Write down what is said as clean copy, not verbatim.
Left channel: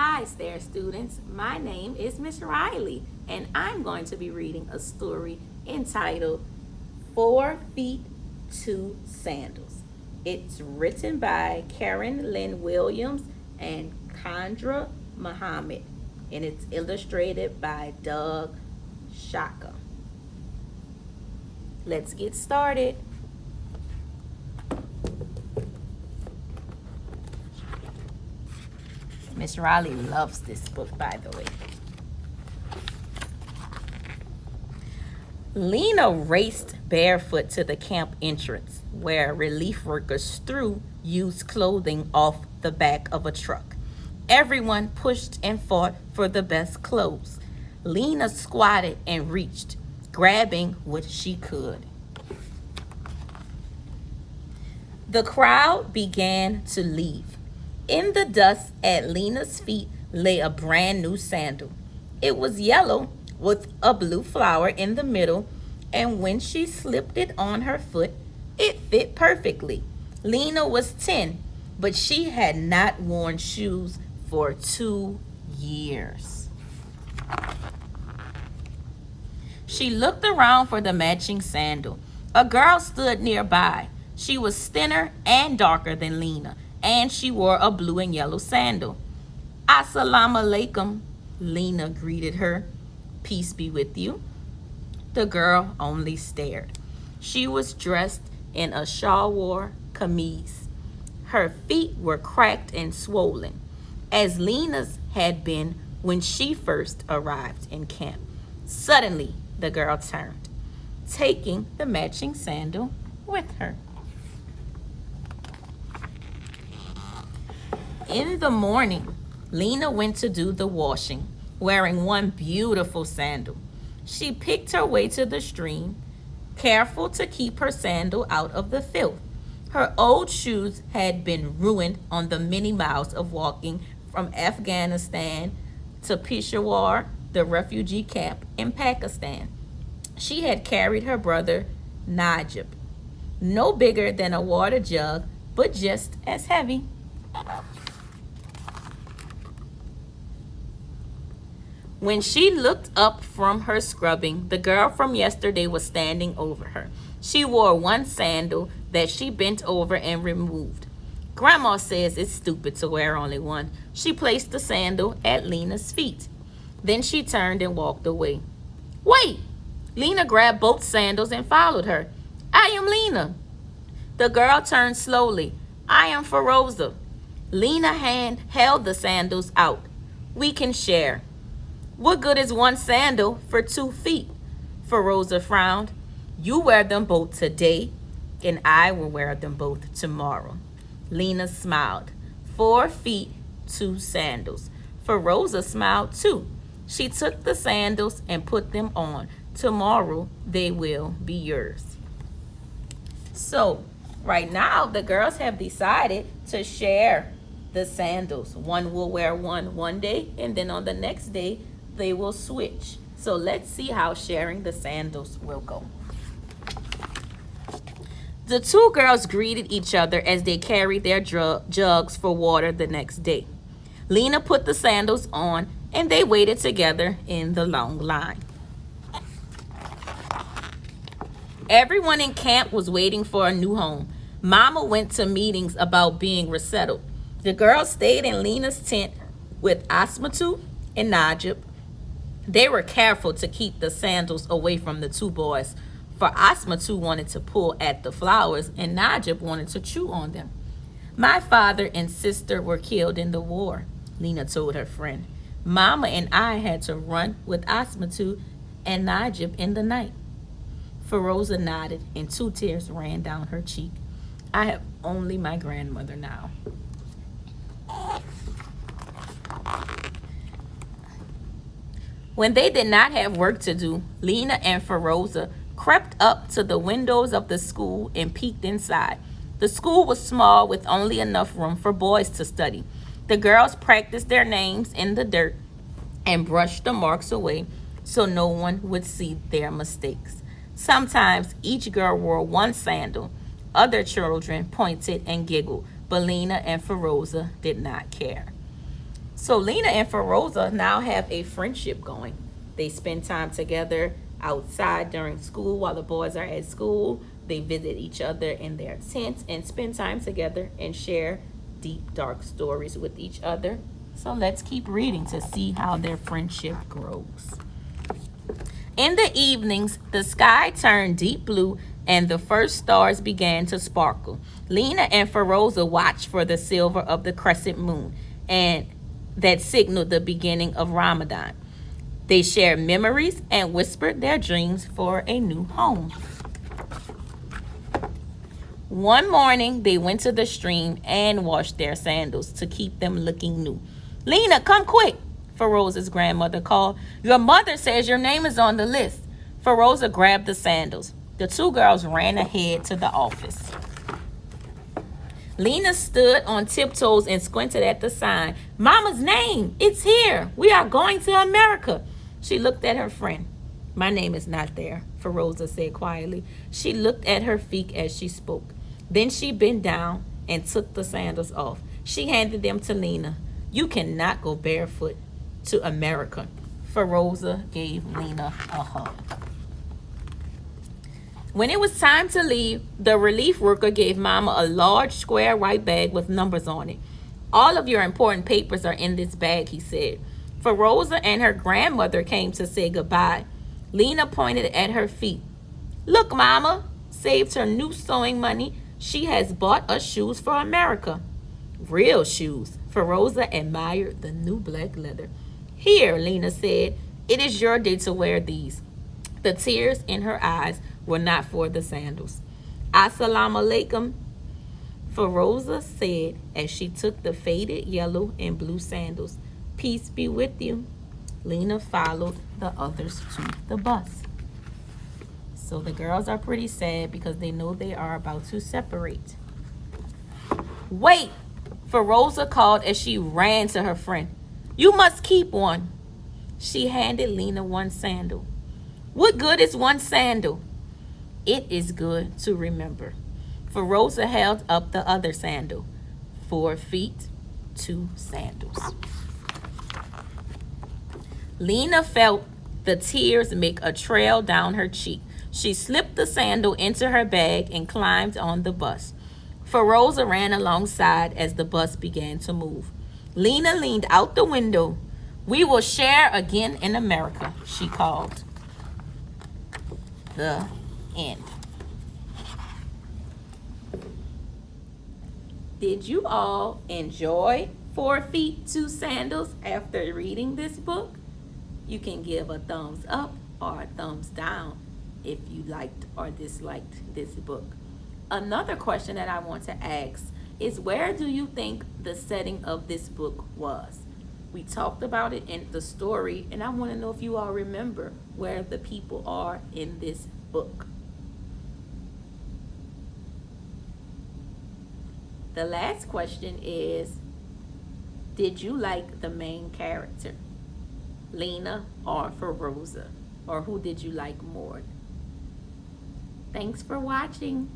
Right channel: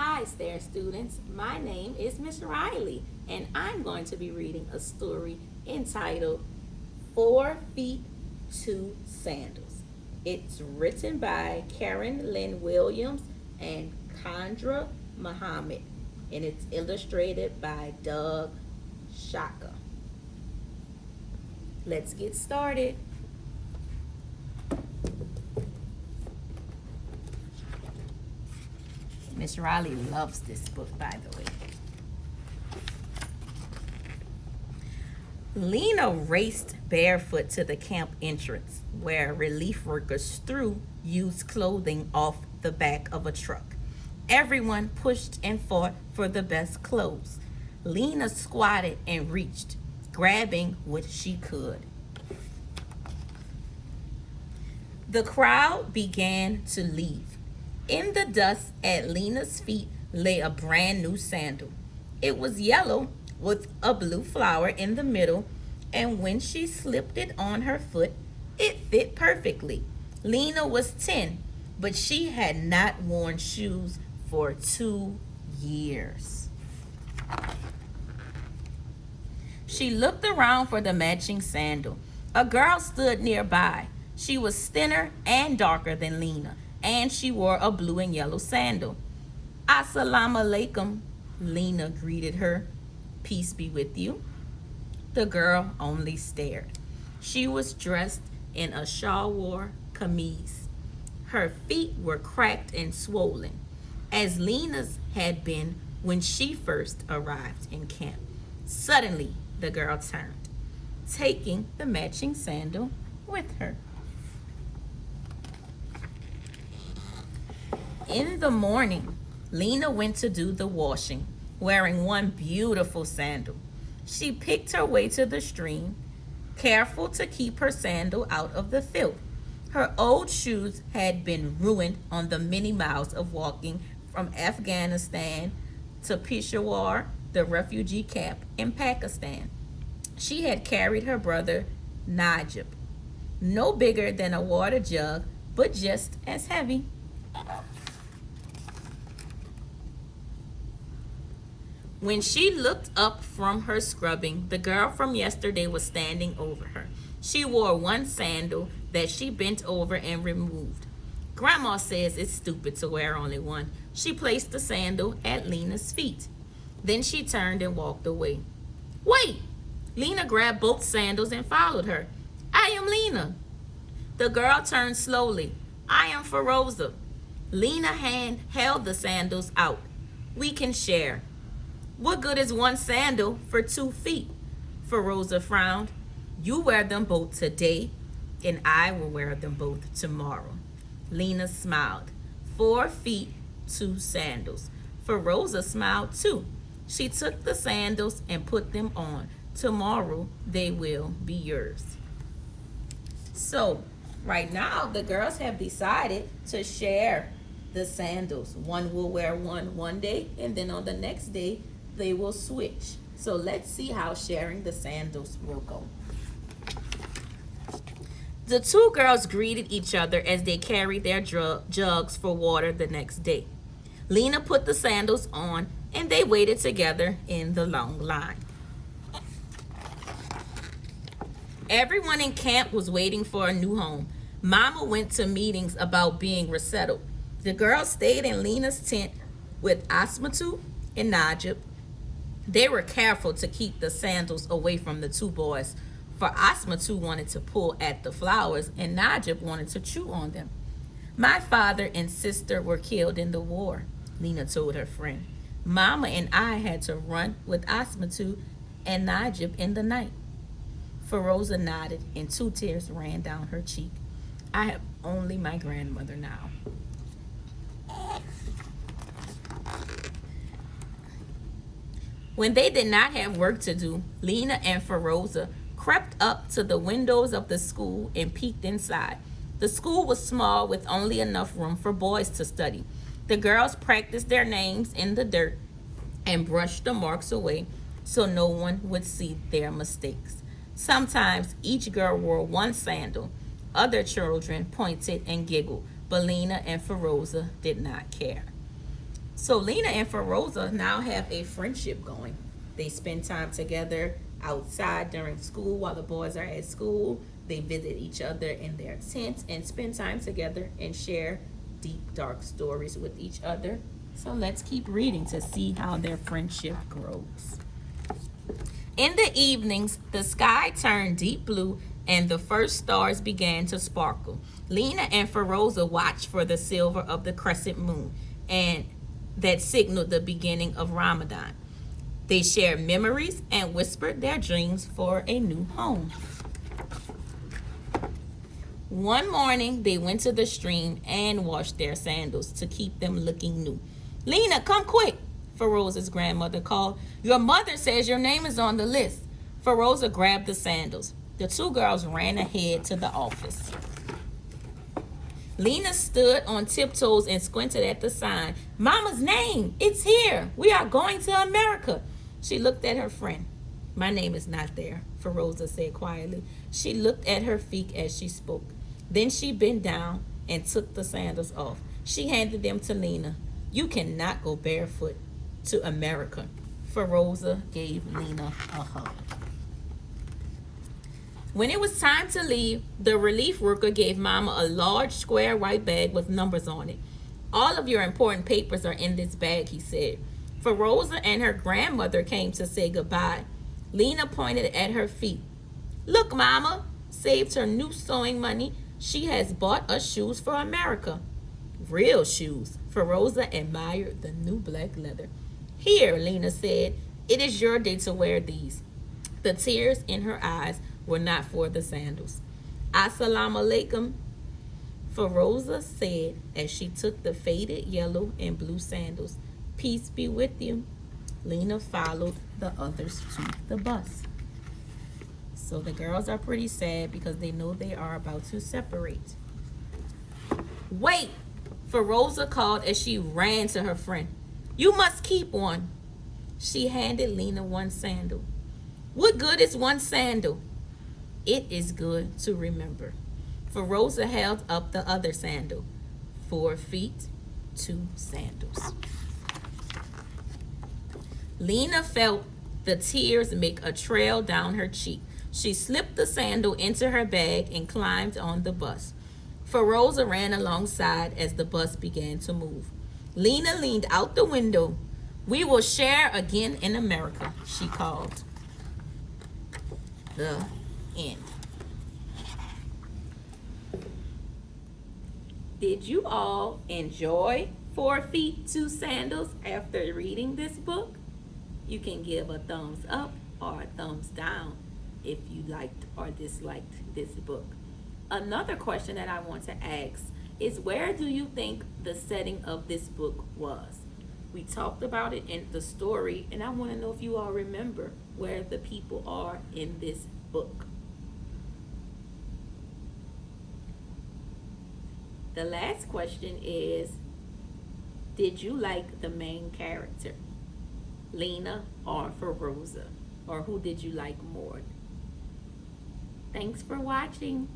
Hi there, students. My name is Miss Riley, and I'm going to be reading a story entitled 4 Feet, Two Sandals. It's written by Karen Lynn Williams and Khandra Muhammad, and it's illustrated by Doug Shaka. Let's get started. Miss Riley loves this book, by the way. Lena raced barefoot to the camp entrance, where relief workers threw used clothing off the back of a truck. Everyone pushed and fought for the best clothes. Lena squatted and reached, grabbing what she could. The crowd began to leave. In the dust at Lena's feet lay a brand new sandal. It was yellow with a blue flower in the middle, and when she slipped it on her foot, it fit perfectly. Lena was 10, but she had not worn shoes for 2 years. She looked around for the matching sandal. A girl stood nearby. She was thinner and darker than Lena, and she wore a blue and yellow sandal. Assalamu alaikum, Lena greeted her. Peace be with you. The girl only stared. She was dressed in a shalwar kameez. Her feet were cracked and swollen, as Lena's had been when she first arrived in camp. Suddenly, the girl turned, taking the matching sandal with her. In the morning, Lena went to do the washing, wearing one beautiful sandal. She picked her way to the stream, careful to keep her sandal out of the filth. Her old shoes had been ruined on the many miles of walking from Afghanistan to Peshawar, the refugee camp in Pakistan. She had carried her brother, Najib, no bigger than a water jug, but just as heavy. When she looked up from her scrubbing, the girl from yesterday was standing over her. She wore one sandal that she bent over and removed. Grandma says it's stupid to wear only one. She placed the sandal at Lena's feet. Then she turned and walked away. Wait! Lena grabbed both sandals and followed her. I am Lena. The girl turned slowly. I am Feroza. Lena held the sandals out. We can share. What good is one sandal for 2 feet? Feroza frowned. You wear them both today, and I will wear them both tomorrow. Lena smiled. 4 feet, 2 sandals. Feroza smiled too. She took the sandals and put them on. Tomorrow they will be yours. So, right now, the girls have decided to share the sandals. One will wear one day, and then on the next day, they will switch. So let's see how sharing the sandals will go. The 2 girls greeted each other as they carried their jugs for water the next day. Lena put the sandals on, and they waited together in the long line. Everyone in camp was waiting for a new home. Mama went to meetings about being resettled. The girls stayed in Lena's tent with Asmatu and Najib. They were careful to keep the sandals away from the 2 boys, for Asmatu wanted to pull at the flowers and Najib wanted to chew on them. My father and sister were killed in the war, Lena told her friend. Mama and I had to run with Asmatu and Najib in the night. Feroza nodded and 2 tears ran down her cheek. I have only my grandmother now. When they did not have work to do, Lena and Feroza crept up to the windows of the school and peeked inside. The school was small with only enough room for boys to study. The girls practiced their names in the dirt and brushed the marks away so no one would see their mistakes. Sometimes each girl wore one sandal. Other children pointed and giggled, but Lena and Feroza did not care. So Lena and Feroza now have a friendship going. They spend time together outside during school while the boys are at school. They visit each other in their tents and spend time together and share deep, dark stories with each other. So let's keep reading to see how their friendship grows. In the evenings, the sky turned deep blue and the first stars began to sparkle. Lena and Feroza watched for the silver of the crescent moon, and that signaled the beginning of Ramadan. They shared memories and whispered their dreams for a new home. One morning, they went to the stream and washed their sandals to keep them looking new. Lena, come quick, Feroza's grandmother called. Your mother says your name is on the list. Feroza grabbed the sandals. The two girls ran ahead to the office. Lena stood on tiptoes and squinted at the sign. Mama's name, it's here. We are going to America. She looked at her friend. My name is not there, Feroza said quietly. She looked at her feet as she spoke. Then she bent down and took the sandals off. She handed them to Lena. You cannot go barefoot to America. Feroza gave Lena a hug. When it was time to leave, the relief worker gave Mama a large square white bag with numbers on it. All of your important papers are in this bag, he said. Feroza and her grandmother came to say goodbye. Lena pointed at her feet. Look, Mama, saved her new sewing money. She has bought us shoes for America. Real shoes. Feroza admired the new black leather. Here, Lena said, it is your day to wear these. The tears in her eyes were not for the sandals. Assalamu alaikum, Feroza said as she took the faded yellow and blue sandals. Peace be with you. Lena followed the others to the bus. So the girls are pretty sad because they know they are about to separate. Wait, Feroza called as she ran to her friend. You must keep one. She handed Lena one sandal. What good is one sandal? It is good to remember. Feroza held up the other sandal. 4 feet, 2 sandals. Lena felt the tears make a trail down her cheek. She slipped the sandal into her bag and climbed on the bus. Feroza ran alongside as the bus began to move. Lena leaned out the window. We will share again in America, she called. The end. Did you all enjoy 4 Feet, 2 Sandals after reading this book? You can give a thumbs up or a thumbs down if you liked or disliked this book. Another question that I want to ask is, where do you think the setting of this book was? We talked about it in the story, and I want to know if you all remember where the people are in this book. The last question is, did you like the main character, Lena or Feroza? Or who did you like more? Thanks for watching.